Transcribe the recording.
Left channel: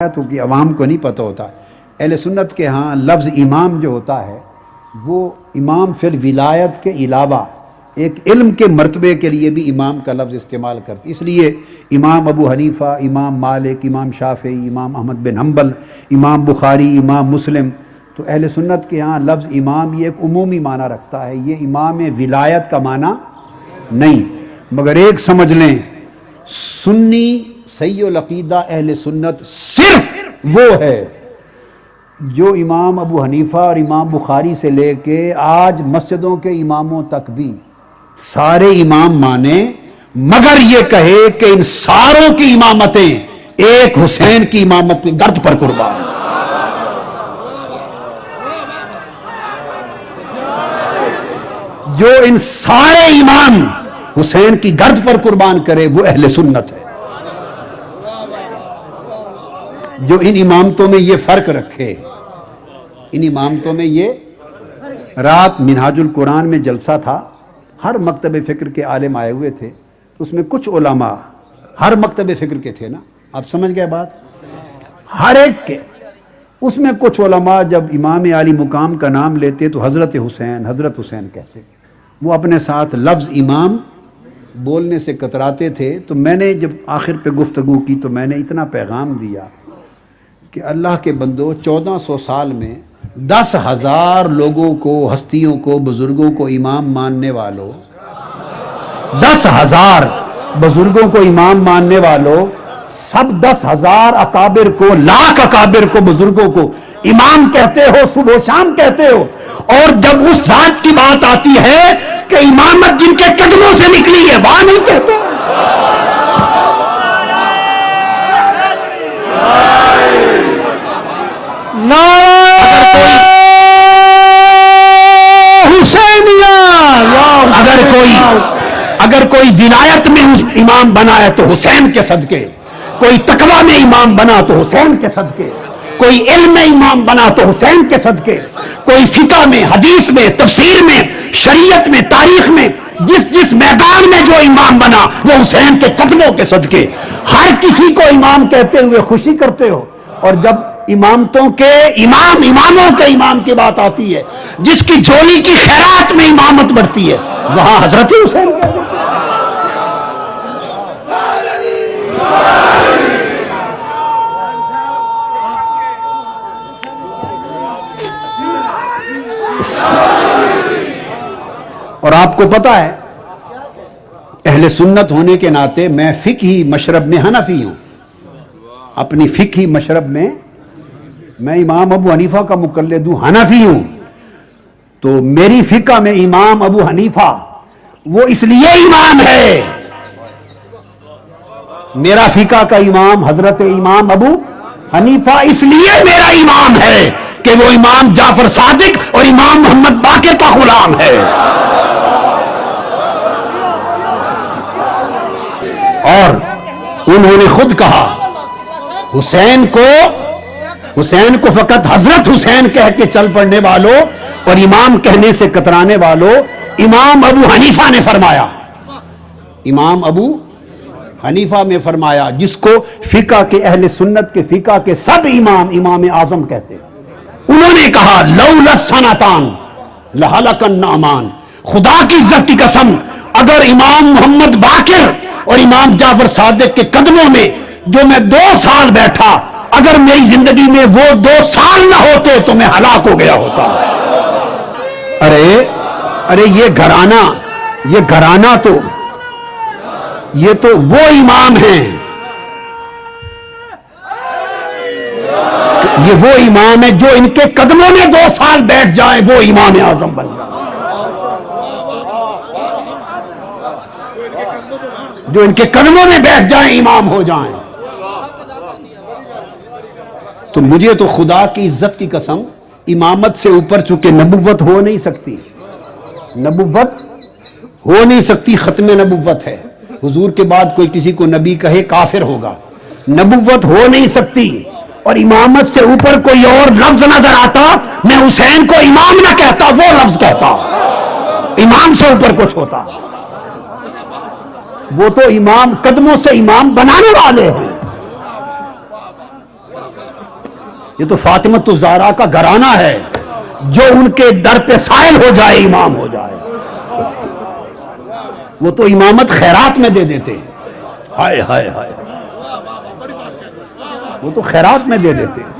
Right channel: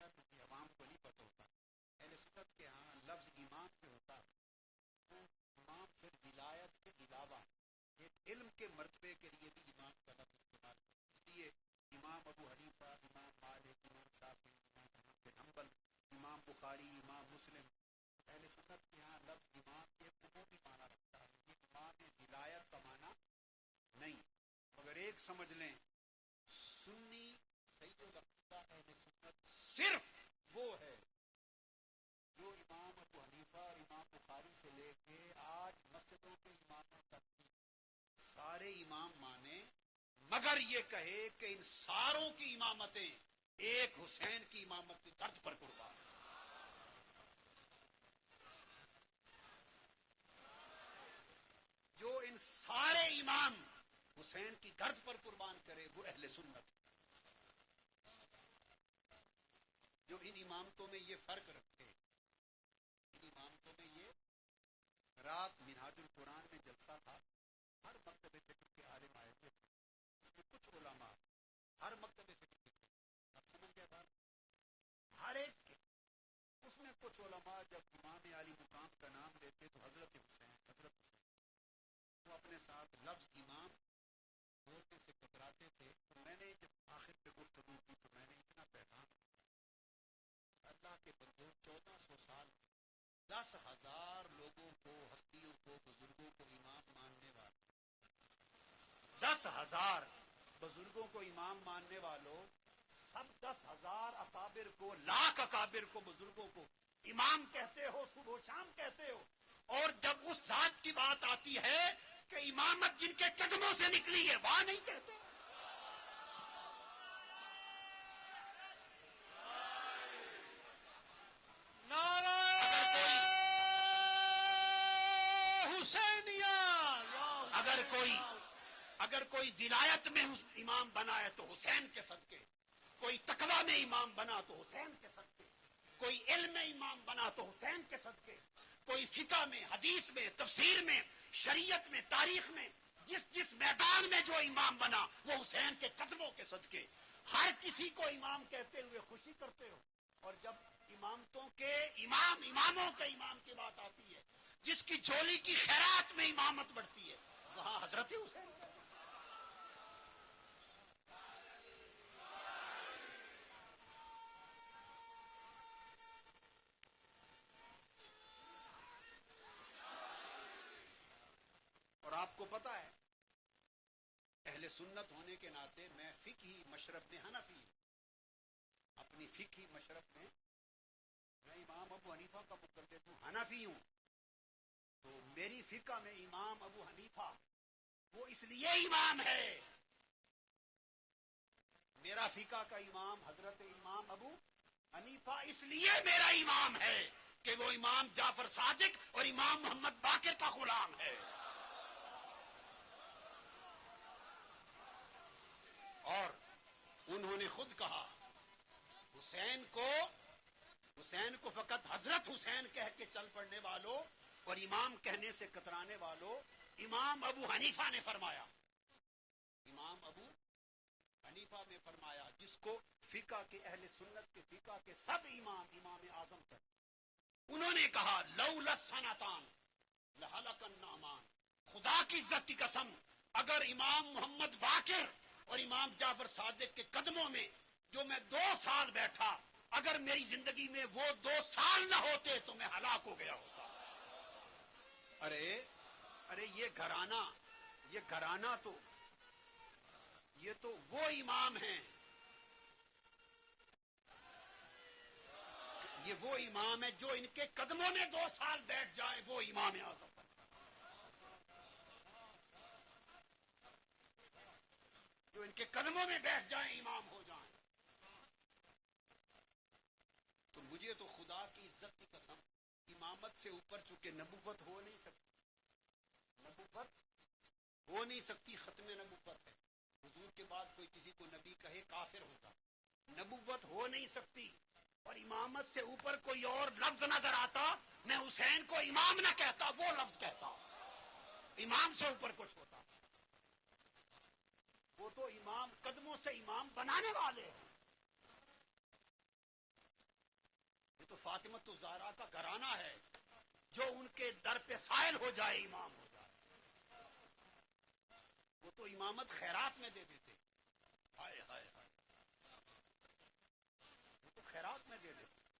تو کہ عوام کو نہیں پتہ ہوتا۔ اہل سنت کے ہاں لفظ امام جو ہوتا ہے وہ امام فی الولایت کے علاوہ ایک علم کے مرتبے کے لیے بھی امام کا لفظ استعمال کرتے، اس لیے امام ابو حنیفہ، امام مالک، امام شافعی، امام احمد بن حنبل، امام بخاری، امام مسلم، تو اہل سنت کے ہاں لفظ امام یہ ایک عمومی معنی رکھتا ہے، یہ امام ولایت کا معنی نہیں۔ مگر ایک سمجھ لیں، سنی صحیح العقیدہ اہل سنت صرف وہ ہے جو امام ابو حنیفہ اور امام بخاری سے لے کے آج مسجدوں کے اماموں تک بھی سارے امام مانے، مگر یہ کہے کہ ان ساروں کی امامتیں ایک حسین کی امامت کی گرد پر قربان۔ جو ان سارے امام حسین کی گرد پر قربان کرے وہ اہل سنت ہے۔ جو ان امامتوں میں یہ فرق رکھے، ان امامتوں میں یہ، رات منہاج القرآن میں جلسہ تھا، ہر مکتب فکر کے عالم آئے ہوئے تھے، اس میں کچھ علماء ہر مکتب فکر کے تھے نا، آپ سمجھ گئے بات، ہر ایک کے، اس میں کچھ علماء جب امام عالی مقام کا نام لیتے تو حضرت حسین کہتے، وہ اپنے ساتھ لفظ امام بولنے سے کتراتے تھے۔ تو میں نے جب آخر پہ گفتگو کی تو میں نے اتنا پیغام دیا کہ اللہ کے بندو، 1400 سال میں 10,000 لوگوں کو، ہستیوں کو، بزرگوں کو امام ماننے والوں، 10,000 بزرگوں کو امام ماننے والوں، سب 10,000 اکابر کو، لاکھ اکابر کو، بزرگوں کو امام کہتے ہو، صبح و شام کہتے ہو، اور جب اس ذات کی بات آتی ہے کہ امامت جن کے قدموں سے نکلی ہے وہاں نہیں کہتے۔ اگر کوئی ولایت میں امام بنا ہے تو حسین کے صدقے، کوئی تقوی میں امام بنا تو حسین کے صدقے، کوئی علم میں امام بنا تو حسین کے صدقے، کوئی فقہ میں، حدیث میں، تفسیر میں، شریعت میں، تاریخ میں، جس میدان میں جو امام بنا وہ حسین کے قدموں کے صدقے۔ ہر کسی کو امام کہتے ہوئے خوشی کرتے ہو، اور جب اماموں کے امام کی بات آتی ہے، جس کی جھولی کی خیرات میں امامت بڑھتی ہے، وہاں حضرت حسین کہتے ہیں۔ اور آپ کو پتا ہے اہل سنت ہونے کے ناطے میں فقہی مشرب میں حنفی ہوں، اپنی فقہی مشرب میں میں امام ابو حنیفہ کا مقلد ہوں، حنفی ہوں، تو میری فقہ میں امام ابو حنیفہ وہ اس لیے امام ہے، میرا فقہ کا امام حضرت امام ابو حنیفہ اس لیے میرا امام ہے کہ وہ امام جعفر صادق اور امام محمد باقر کا غلام ہے۔ اور انہوں نے خود کہا، حسین کو فقط حضرت حسین کہہ کے چل پڑنے والوں اور امام کہنے سے کترانے والوں، امام ابو حنیفہ نے فرمایا، امام ابو حنیفہ میں فرمایا، جس کو فقہ کے اہل سنت کے فقہ کے سب امام اعظم کہتے، انہوں نے کہا لولا السنتان لہلک النعمان، خدا کی عزت کی قسم اگر امام محمد باقر اور امام جعفر صادق کے قدموں میں جو میں 2 سال بیٹھا، اگر میری زندگی میں وہ 2 سال نہ ہوتے تو میں ہلاک ہو گیا ہوتا۔ ارے یہ گھرانہ تو یہ تو وہ امام ہیں، یہ وہ امام ہے جو ان کے قدموں میں 2 سال بیٹھ جائیں وہ امام اعظم بن جائیں، جو ان کے قدموں میں بیٹھ جائیں امام ہو جائیں۔ تو مجھے تو خدا کی عزت کی قسم امامت سے اوپر چونکہ نبوت ہو نہیں سکتی، نبوت ہو نہیں سکتی، ختم نبوت ہے، حضور کے بعد کوئی کسی کو نبی کہے کافر ہوگا، نبوت ہو نہیں سکتی، اور امامت سے اوپر کوئی اور لفظ نظر آتا میں حسین کو امام نہ کہتا، وہ لفظ کہتا، امام سے اوپر کچھ ہوتا، وہ تو امام قدموں سے امام بنانے والے ہیں۔ یہ تو فاطمۃ الزہرا کا گھرانہ ہے، جو ان کے در پہ سائل ہو جائے امام ہو جائے. وہ تو امامت خیرات میں دے دیتے ہیں. ہائے ہائے ہائے، وہ تو خیرات میں دے دیتے ہیں.